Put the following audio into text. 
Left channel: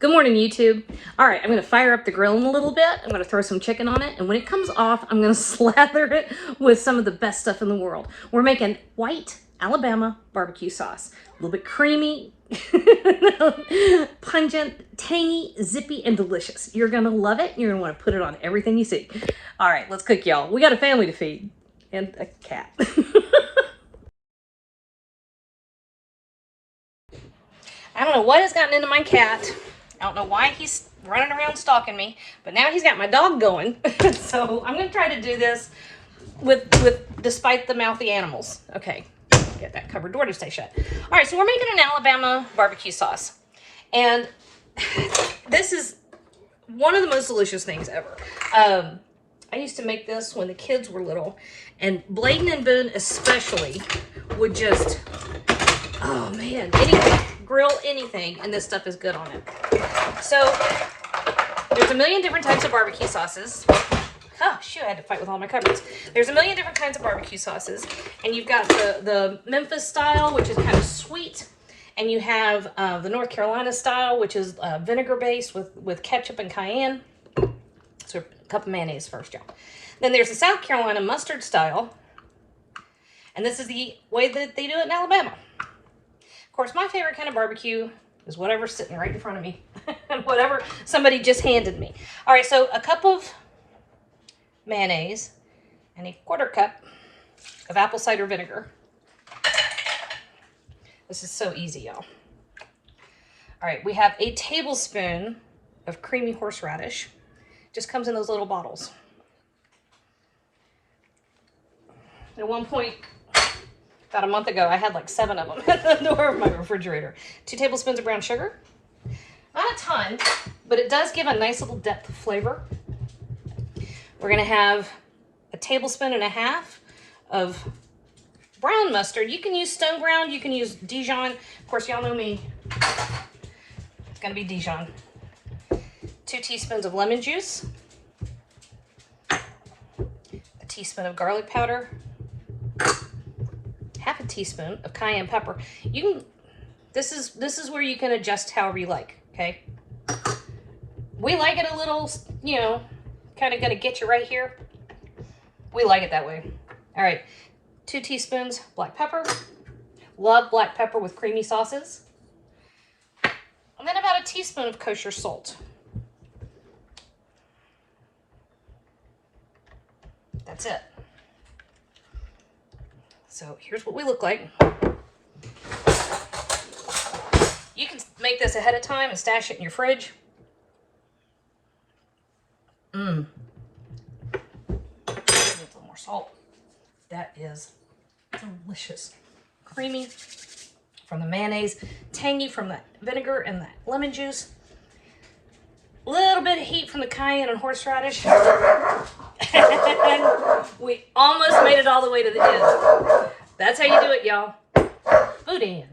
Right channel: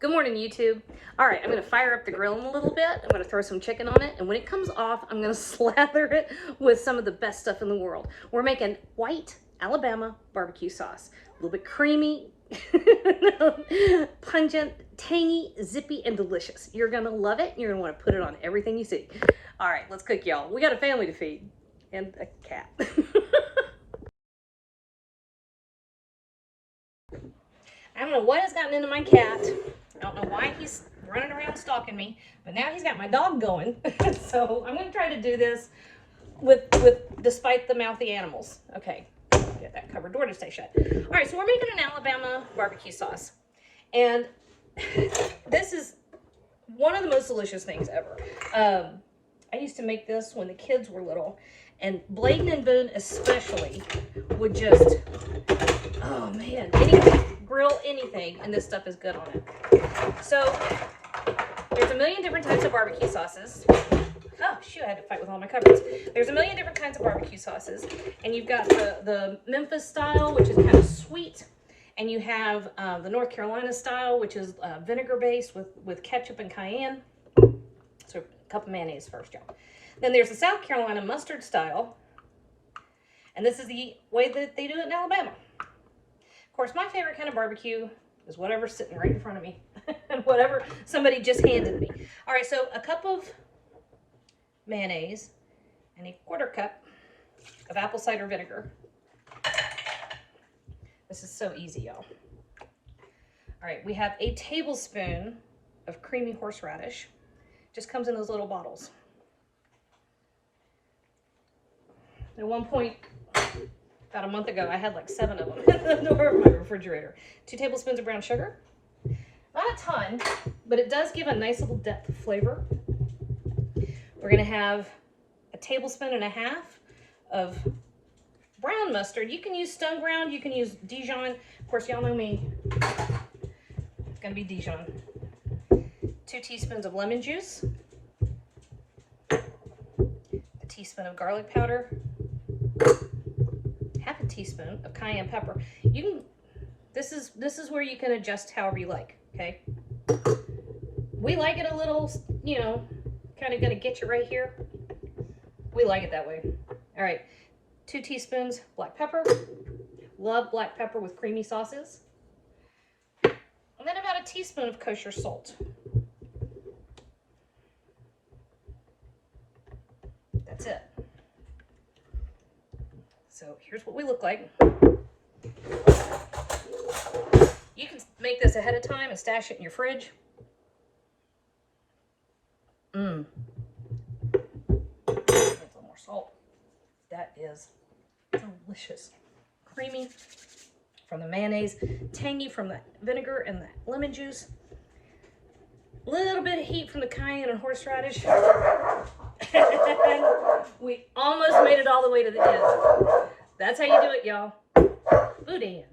Good morning, YouTube. All right, I'm gonna fire up the grill in a little bit. I'm gonna throw some chicken on it, and when it comes off, I'm gonna slather it with some of the best stuff in the world. We're making white Alabama barbecue sauce. A little bit creamy, pungent, tangy, zippy, and delicious. You're gonna love it. You're gonna wanna put it on everything you see. All right, let's cook, y'all. We got a family to feed, and a cat. I don't know what has gotten into my cat. I don't know why he's running around stalking me, but now he's got my dog going. So I'm gonna try to do this with despite the mouthy animals. Okay, get that cupboard door to stay shut. All right, so we're making an Alabama barbecue sauce. And this is one of the most delicious things ever. I used to make this when the kids were little, and Bladen and Boone especially would just, oh man, grill anything, and this stuff is good on it. So there's a million different types of barbecue sauces. Oh shoot, I had to fight with all my cupboards. There's a million different kinds of barbecue sauces, and you've got the Memphis style, which is kind of sweet, and you have the North Carolina style, which is vinegar based with ketchup and cayenne. So a cup of mayonnaise first, y'all. Then there's the South Carolina mustard style, and this is the way that they do it in Alabama. Of course, my favorite kind of barbecue is whatever's sitting right in front of me. Whatever somebody just handed me. All right, so a cup of mayonnaise and a quarter cup of apple cider vinegar. This is so easy, y'all. All right, we have a tablespoon of creamy horseradish. Just comes in those little bottles. At one point, about a month ago, I had like 7 of them at the door of my refrigerator. 2 tablespoons of brown sugar. Not a ton, but it does give a nice little depth of flavor. We're gonna have a tablespoon and a half of brown mustard. You can use stone ground, you can use Dijon. Of course, y'all know me. It's gonna be Dijon. 2 teaspoons of lemon juice. A teaspoon of garlic powder. Half a teaspoon of cayenne pepper. You can, this is where you can adjust however you like, okay? We like it a little, you know, kind of gonna get you right here. We like it that way. All right, 2 teaspoons black pepper. Love black pepper with creamy sauces. And then about a teaspoon of kosher salt. That's it. So here's what we look like. You can make this ahead of time and stash it in your fridge. A little more salt. That is delicious. Creamy from the mayonnaise, tangy from the vinegar and the lemon juice. A little bit of heat from the cayenne and horseradish. And we almost made it all the way to the end. That's how you do it, y'all. Boudin.